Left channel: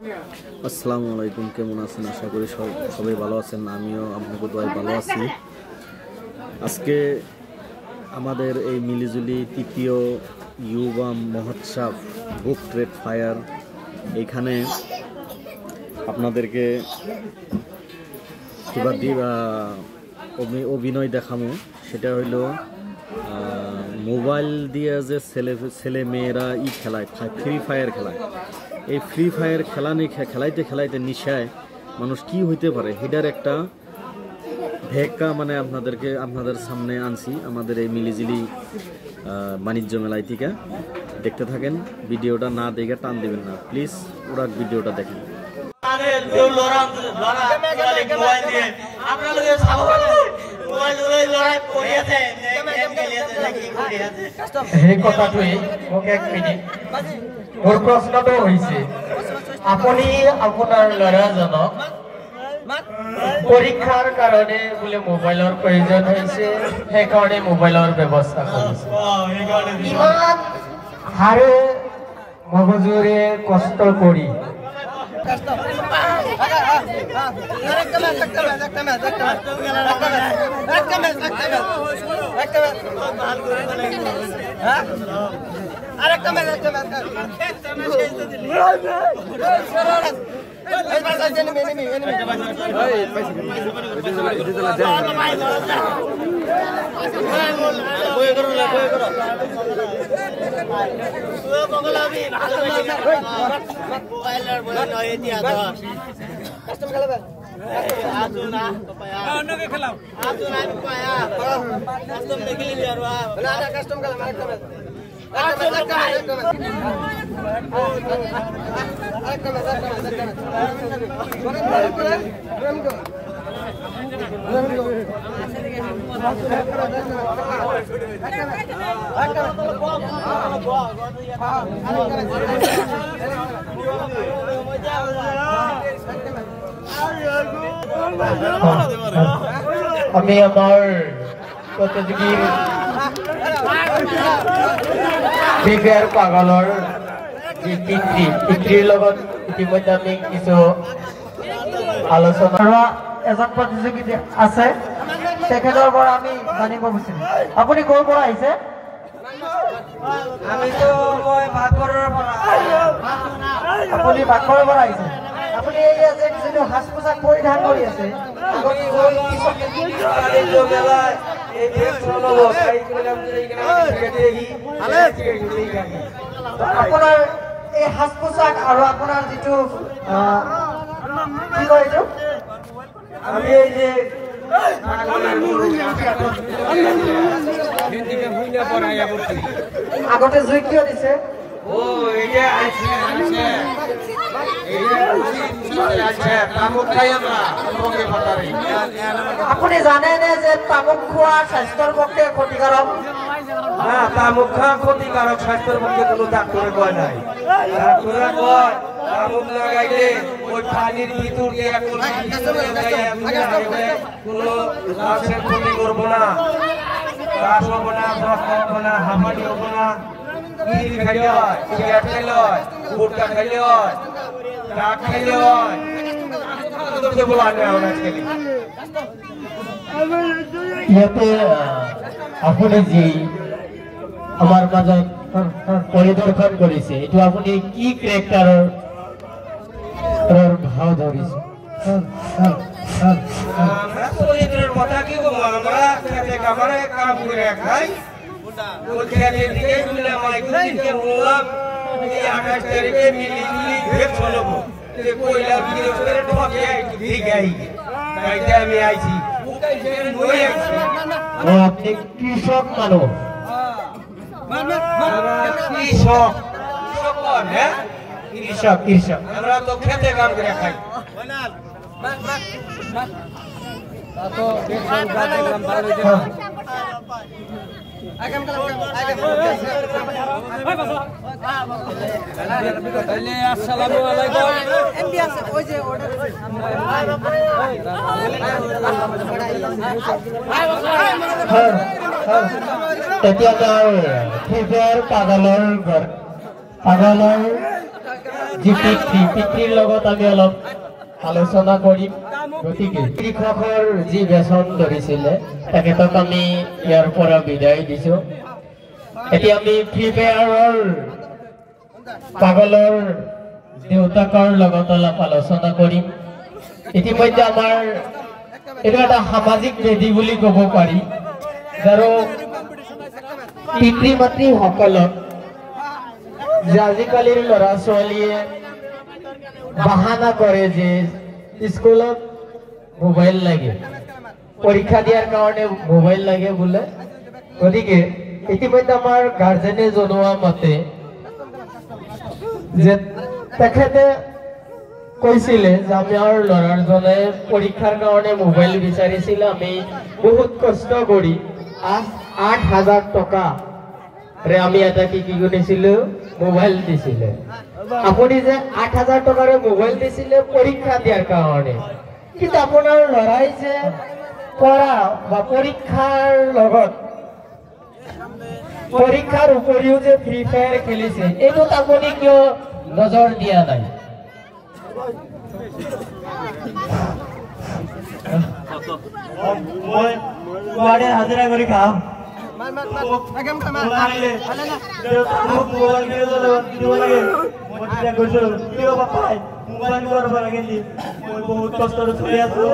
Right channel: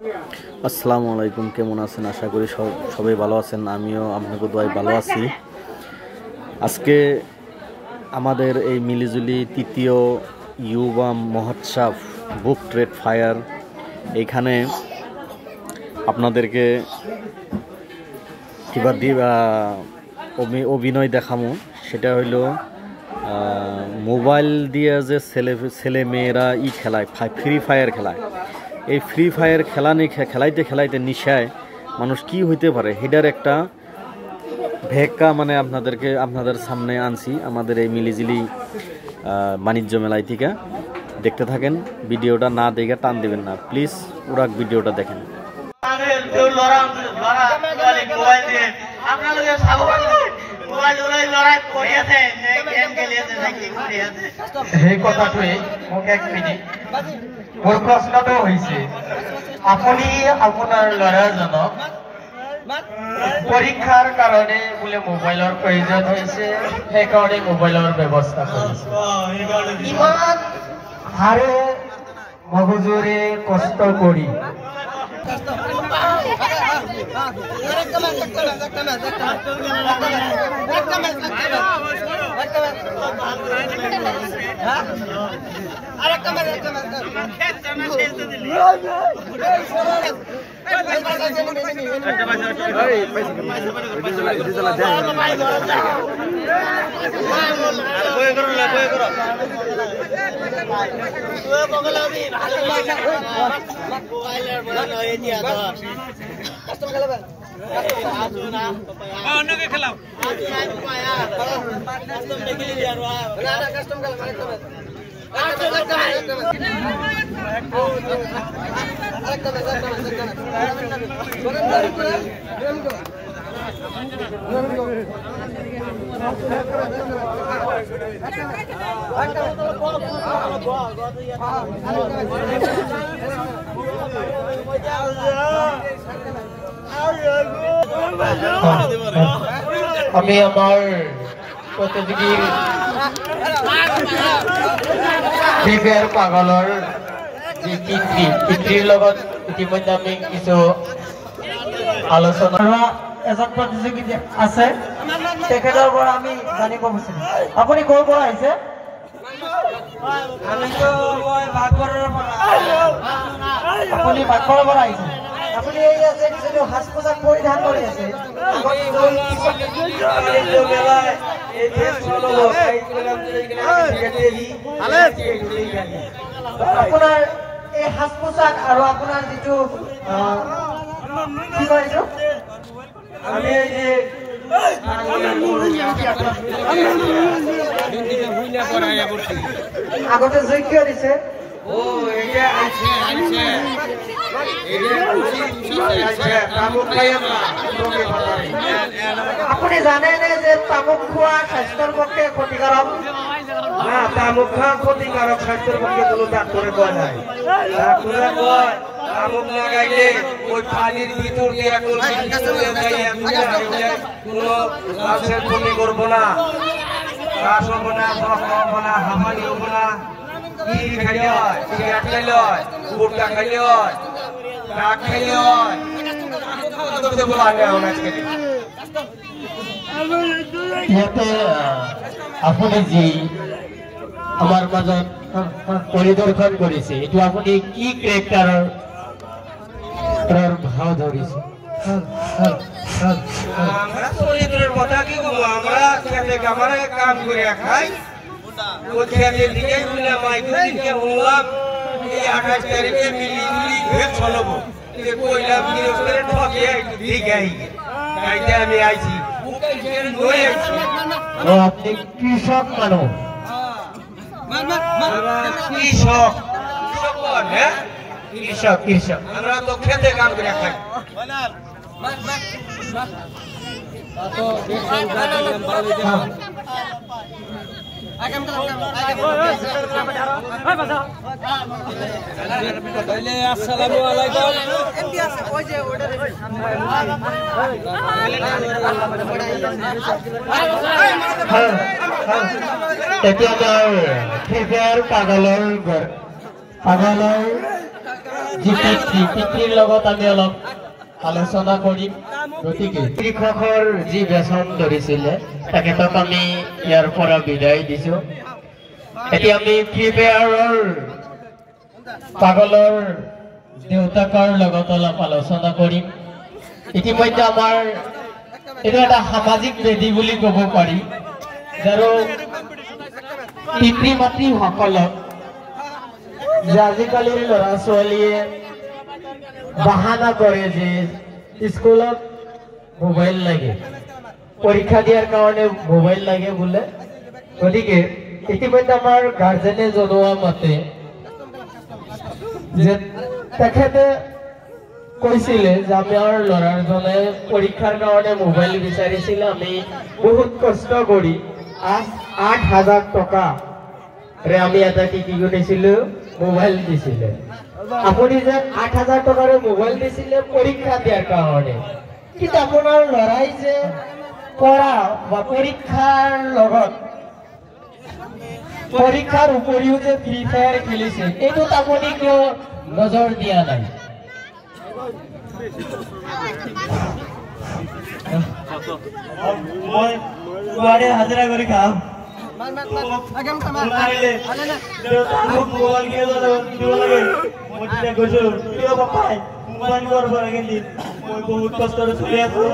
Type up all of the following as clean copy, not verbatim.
আসসালামু আলাইকুম, কেমন আছেন? আশা করি সবাই ভালো আছেন। আমিও আপনাকে দোয়াই ভালো আছি। আজকে আমাদের এই মিলিজুলি তৃতীয় ইউবা মহোৎসব বুক ট্রেড ফায়ার, এইখানে আপনাদেরকে কিবা অভিনয় দেখামো। সেটা হইল মোবাইল দিয়ে যে ছেলে মেয়েরা খেলায়, ফ্রি ফায়ার খেলায়। এই ফ্রি ফায়ার খেলাইতে খেলাইতে নিশায় মানুষ কি হইতে পারে সেটার একটা ভেক্কা আপনাদের সামনে আনছি আমাদের এই মিলিজিলি বাণিজ্য মেলায় থেকে। দেখতে থাকেন, ভিডিওটা না দেখে টান দিবেন না প্লিজ, পুরো ভিডিওটা দেখেন। সেই কথাটোৱে মোক 1 মিনিট মোৰ প্ৰশ্নটো হৈছে, আপুনি আপোনাৰ ল'ৰাজনক পৰীক্ষাৰ কাৰণে বোলে মোবাইলৰ প্ৰয়োজন হৈছে, সেইকাৰণে মোবাইলৰ ব্যৱস্থা কৰিছে। ইমান হাৰে মগজুৰে কষ্ট কৰি আমি আমাৰ প্ৰতিযোগীৰ ফ্ৰী ফায়াৰ পাগলৰ যি পিতৃৰ লগত ইতিমধ্যে আমি কিছু আলোচনা, এজন প্ৰতিযোগী আছে, তেখেতৰ পৰা আমি জানিব বিচাৰিম। আপুনি ক'ৰ পৰা আহিছে? আপুনি বাঘৰৰ পৰা আহিছে। আপুনি এই যিটো সাজ পোছাক পৰিধান কৰি আছে, আপোনাৰ এই সাজ পোছাক আৰু আপোনাৰ যিটো কি কয় এইটো, আমি এই যে আগতে যোগ্য দিছে, আপুনি জানেনে যে তামোল খোৱা স্বাস্থ্যৰ পক্ষে ক্ষতিকাৰক? তামোল খোৱা ক্ষতিকাৰক, স্বাস্থ্যৰ পক্ষে কোনো ডাক্তৰে কয় নাই। ডাক্তৰে কয় তামোল লাগাইলে ওই পানির ভিতর দিয়ে কোনো বমি করবো না, কাশ হবো না, হবো না, হাঁপানি হবো না, কি খাইল, সিগারেট খাইল, গুটকা খাইল, কাঠ খাইল, আপুনি যি আমাৰ মাজত পৰিদৰ্শন কৰিছে, এইটো আপুনি কি কেৰেক্টাৰৰ ভাও ধৰিছে? আপনি কৃষক মানুষ, কৃষক আমৰা তো খেতে কাম কৰে খাই। তেতিয়া পাগলৰ যি পিতৃৰ লগত আমি অলপ আলোচনা কৰিম গতিকে কৃষকৰ যি বেচন ধৰিছিলে তেখেতক আমি ইয়াৰ পৰা বিদায় দিছো এতিয়া আমি ফ্ৰী ফায়াৰৰ পাগলৰ দেউতাকৰ লগত অলপ আলোচনা কৰিম ইতিমধ্যে আমাৰ এটা এটা সামাজিক বেদি বুলি ক'ব পাৰি যাৰ পিতৃ মাতৃ সকলক যে আজিকালিৰ ল'ৰা ছোৱালীয়ে বাহানা কৰে যে স্কুলত মোবাইল লাগে পৰীক্ষা দিয়াৰ কাৰণে মোবাইল লাগে বোলে গতিকে ইতিমধ্যে আমাৰ গাৰ্জেনে জনোৱা মতে যে তেখেতে কৈছিলে যে আমাৰ ল'ৰাজনে পৰীক্ষাৰ কাৰণে মোবাইল বিচাৰিছিল আমি বহুত কষ্ট কৰি ৮,০০০ টকা আমি এটা কি কৰিছিলো মোবাইল দিছিলে আপুনি যে ৮,০০০ টকাৰ মোবাইল দিছিলে পৰীক্ষা দিয়াৰ কাৰণে কিন্তু আপোনাৰ ল'ৰাই যে পঢ়া বা পৰীক্ষাৰ লগত পৰীক্ষাৰ উপৰিও যে ফ্ৰী ফায়াৰ খেলিছে এইটোত আপুনি কিয় নজৰ দিয়া নাই মই হাজিৰা কৰি খাম বহুত কষ্ট চলি আছো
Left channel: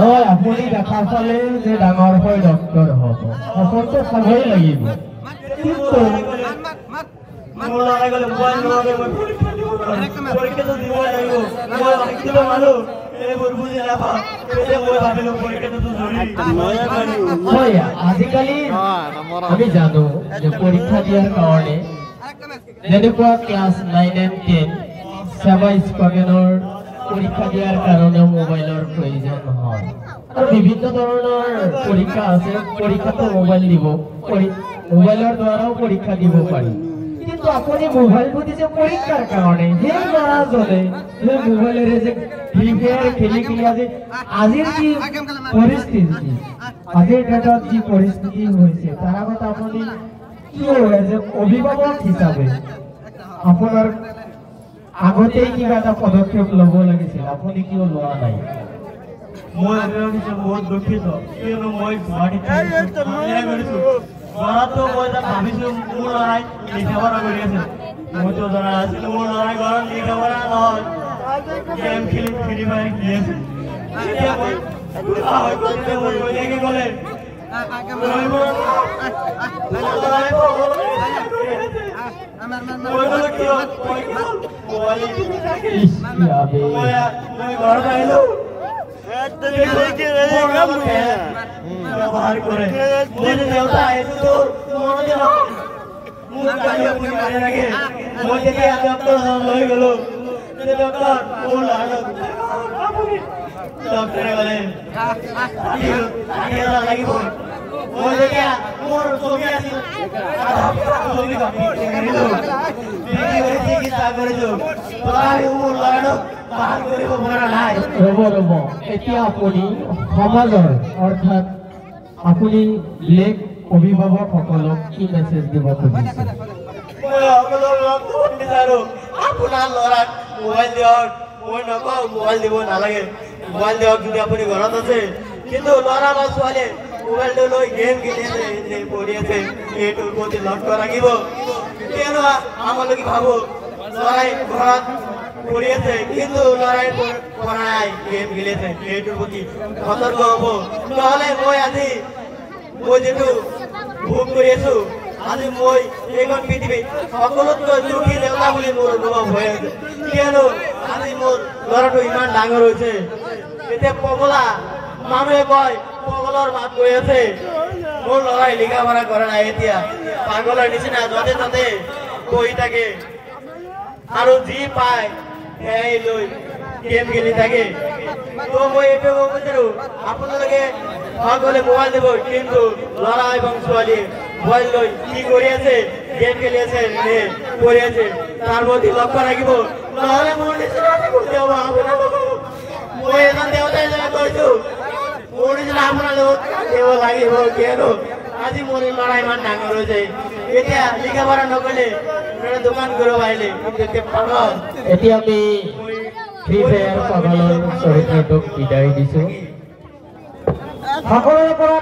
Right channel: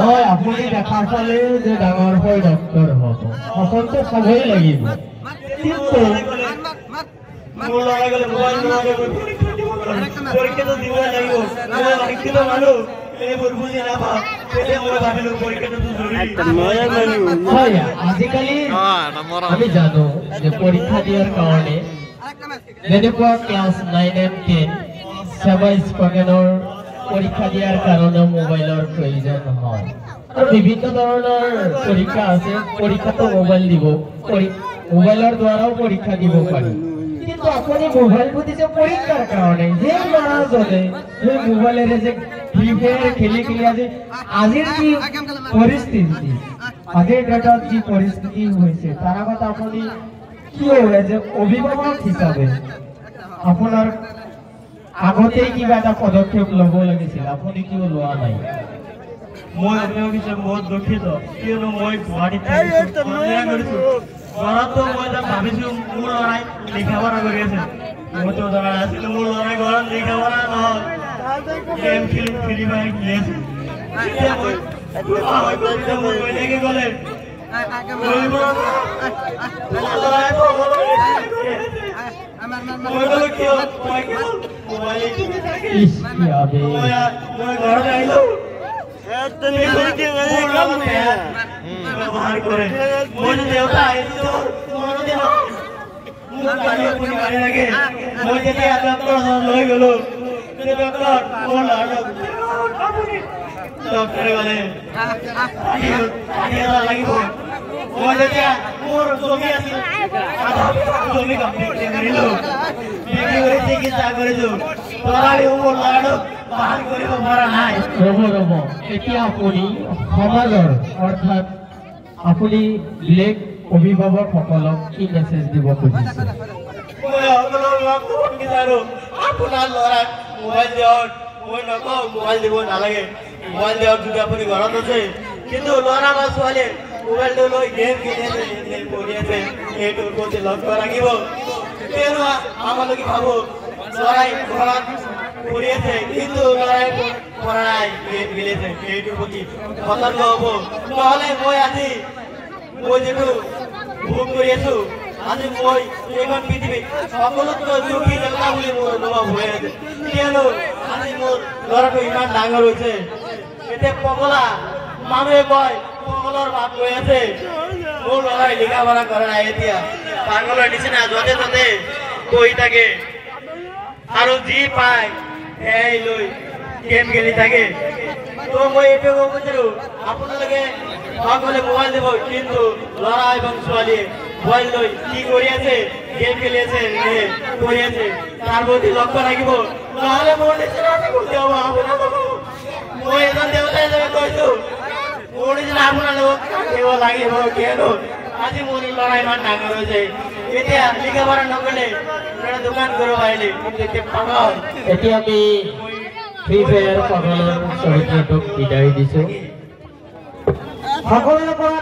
হয় আপুনি দেখা পালে যে ডাঙৰ হৈ ডক্তৰ হ'ব সফলটো চাবই লাগিব কিন্তু পৰীক্ষাটো দিব লাগিব মই শিকিব মানুহ এইবোৰ বুজি নাপাওঁ মই ভাবিলো পৰীক্ষাটো হয় আজিকালি আমি জানো যে পৰীক্ষা দিয়াৰ কাৰণে যেনেকুৱা ক্লাছ 9 and 10 সেৱা স্পকেনৰ পৰীক্ষা দিয়াৰ কাৰণে মোবাইলৰ প্ৰয়োজন হয় আৰু বিভিন্ন ধৰণৰ পৰীক্ষা আছে পৰীক্ষাটো মোবাইল দিব মোবাইলৰ দ্বাৰাও পৰীক্ষা দিব পাৰি কিন্তু আপুনি মোবাইল বুজিছে পৰীক্ষাৰ কাৰণে যে ল'ৰাজনে যে মোবাইলেৰে যে ফ্ৰী ফায়াৰ খেলি আজি আজিৰ যি পৰিস্থিতি আজিৰ ডেটত যি পৰিস্থিতি হৈছে তাৰ আগত আপুনি কি হয় যে অভিভাৱক হিচাপে আপোনাৰ আগতেই কিবা এটা পদক্ষেপ ল'ব লাগিছিল আপুনি কিয় লোৱা নাই মই অভিভাৱক হিচাপে বহুত দুখিত কিয়নো মই গুৱাহাটীত কৰিছো ঘৰতো মই এটা ভাবিছো মোৰ ল'ৰাই লিখা পঢ়া কৰি আছে মইতো জনা নাছিলো মোৰ ল'ৰাই ঘৰত লিখা পঢ়া নহয় গেম খেলি খেলি আছে মই লাগি গ'লে ঘৰত আহিলো ব্যবহাৰ কৰে মনে দেউতা মোৰ গাড়ী আপুনি মাৰি লাগে মই যেতিয়া ডক্টৰ লৈ গলো ডক্টৰ মোৰ ডক্টৰে ক'লে লাগিব মই যেতিয়া মোৰ জমি আছিল জমি কমপ্লিট কৰিলো বিক্ৰী কৰি চিকিৎসা কৰিছো তথাপিও মোৰ ল'ৰাটোক বাহাৰ কৰিব পৰা নাই ৰ'ব এতিয়া আপুনি সমাজৰ অৰ্থাৎ আপুনি ব্লেক অভিভাৱকসকলক কি মেছেজ দিব খুজিছে আপোনাৰ ল'ৰাক মোবাইল দিয়ক মই নকওঁ মোবাইল দিব নালাগে মোবাইল দিয়ক যদি আপুনি ঘৰত আছে কিন্তু ল'ৰা বা ছোৱালীয়ে মোবাইলটো লৈ গেম খেলি আছে কৰি আছে এইটোৰ প্ৰতি লক্ষ্য ৰাখিব কিয়নো আমালোকে ভাবো ল'ৰাই ঘৰত কৰি আছে কিন্তু ল'ৰাই পঢ়াই গেম খেলি আছে এইটোৰ প্ৰতি সতৰ্ক হ'ব নহ'লে মই যিটো ভোগ কৰি আছো আজি মই এইখন পৃথিৱী সকলোতকৈ দুখী নেতা বুলি মোৰ অনুভৱ হৈ আছে কিয়নো আজি মোৰ ল'ৰাটো ইমান ডাঙৰ হৈছে এতিয়া পগলা মানুহে কয় পগলৰ মাত গৈ আছে মোৰ ল'ৰাই লিখা পঢ়া কৰা নাই এতিয়া পাগলৰ নিচিনা য'তে ত'তে বহি থাকে আৰু যি পায় সেয়াই লৈ গেম খেলি থাকে মই এইটো বিচাৰো আপোনালোকে সকলে মোবাইল দিব কিন্তু ল'ৰা এবং ছোৱালীয়ে মোবাইল লৈ কি কৰি আছে গেম খেলি আছে পঢ়ি আছে তাৰ প্ৰতি লক্ষ্য ৰাখিব নহ'লে মোৰ নিচিনা মই এজন দেউতাই কৈছো আপোনালোক দিব লাগিব কিয়নো আজি মোৰ ল'ৰা ইমান ডাঙৰ হৈছে এতিয়া লিখা পঢ়া নকৰিলে দোকান কৰিব পাৰিলে কিন্তু এতিয়া পাব এতিয়া আমি ফ্ৰী ফায়াৰ পাগলৰ চৰিত্ৰটোক বিদায় দিছো সকলোৰে পৰা